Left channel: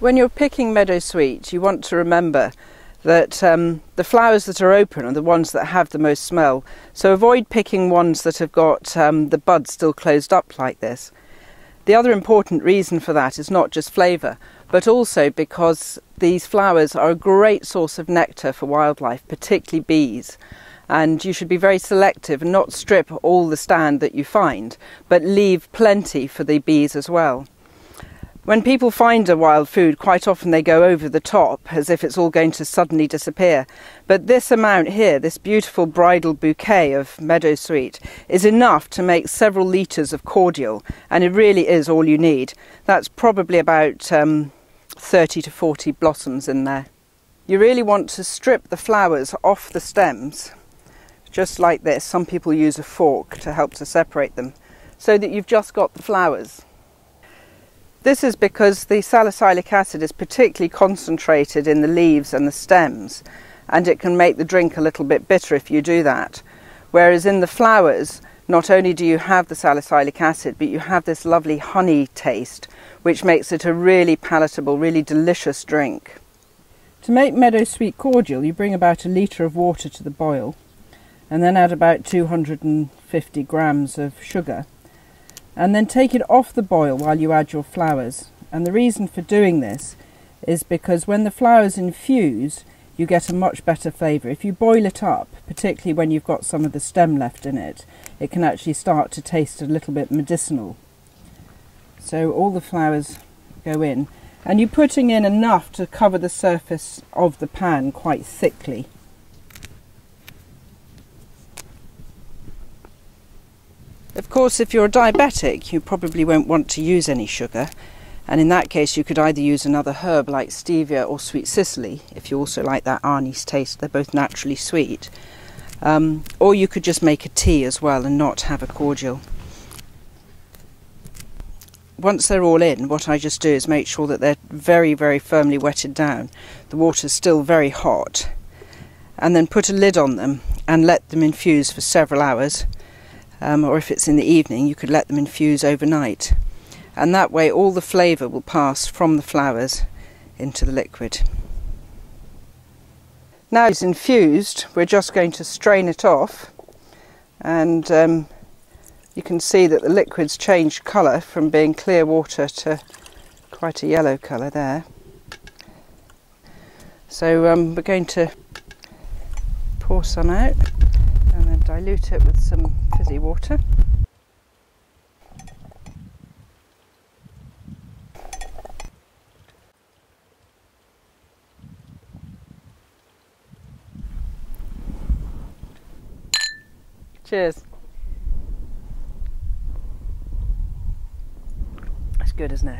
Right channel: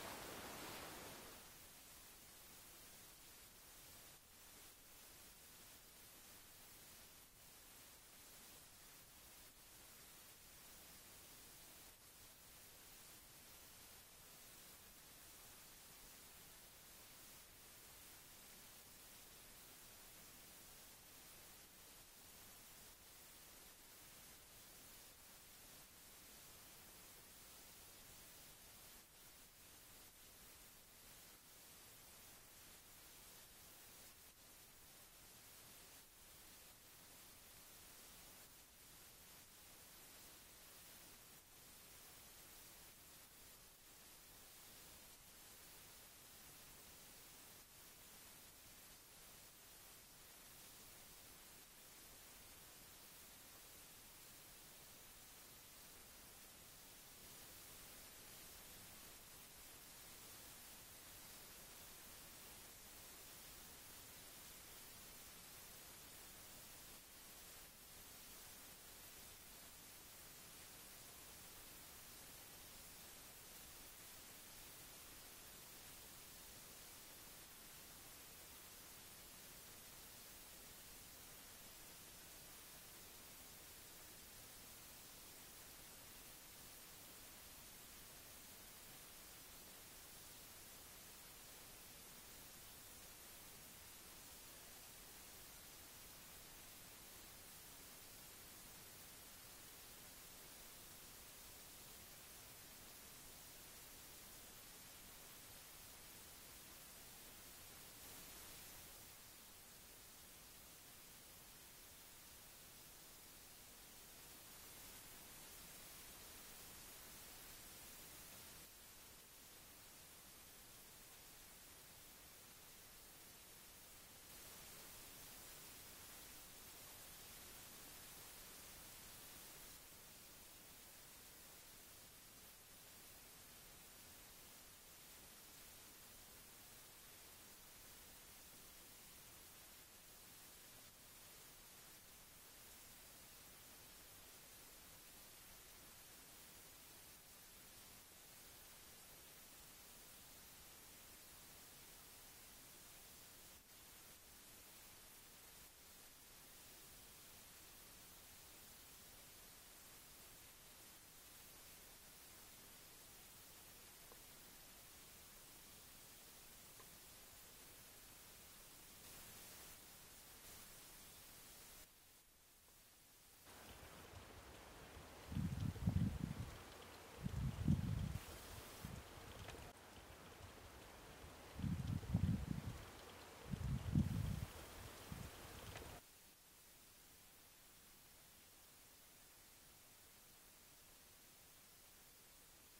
When you're picking meadowsweet, you want to remember that the flowers that are open are the ones that have the most smell. So avoid picking ones that have got the buds still closed up like this. The other important reason for that is not just flavour, but also because these flowers are a great source of nectar for wildlife, particularly bees. And you should be very selective and not strip all the stand that you find, but leave plenty for the bees as well. When people find a wild food, quite often they go over the top as if it's all going to suddenly disappear. But this amount here, this beautiful bridal bouquet of meadowsweet, is enough to make several litres of cordial, and it really is all you need. That's probably about 30 to 40 blossoms in there. You really want to strip the flowers off the stems, just like this. Some people use a fork to help to separate them, so that you've just got the flowers. This is because the salicylic acid is particularly concentrated in the leaves and the stems, and it can make the drink a little bit bitter if you do that. Whereas in the flowers, not only do you have the salicylic acid, but you have this lovely honey taste, which makes it a really palatable, really delicious drink. To make meadowsweet cordial, you bring about 1 litre of water to the boil, and then add about 250 grams of sugar. And then take it off the boil while you add your flowers. And the reason for doing this is because when the flowers infuse, you get a much better flavour. If you boil it up, particularly when you've got some of the stem left in it, it can actually start to taste a little bit medicinal. So all the flowers go in, and you're putting in enough to cover the surface of the pan quite thickly. Of course, if you're a diabetic, you probably won't want to use any sugar, and in that case you could either use another herb like stevia or sweet cicely, if you also like that anise taste. They're both naturally sweet. Or you could just make a tea as well and not have a cordial. Once they're all in, what I just do is make sure that they're very, very firmly wetted down. The water's still very hot. And then put a lid on them and let them infuse for several hours. Or if it's in the evening, you could let them infuse overnight. And that way all the flavour will pass from the flowers into the liquid. Now it's infused, we're just going to strain it off, and you can see that the liquid's changed colour from being clear water to quite a yellow colour there. So we're going to pour some out and then dilute it with some fizzy water. Cheers. That's good, isn't it?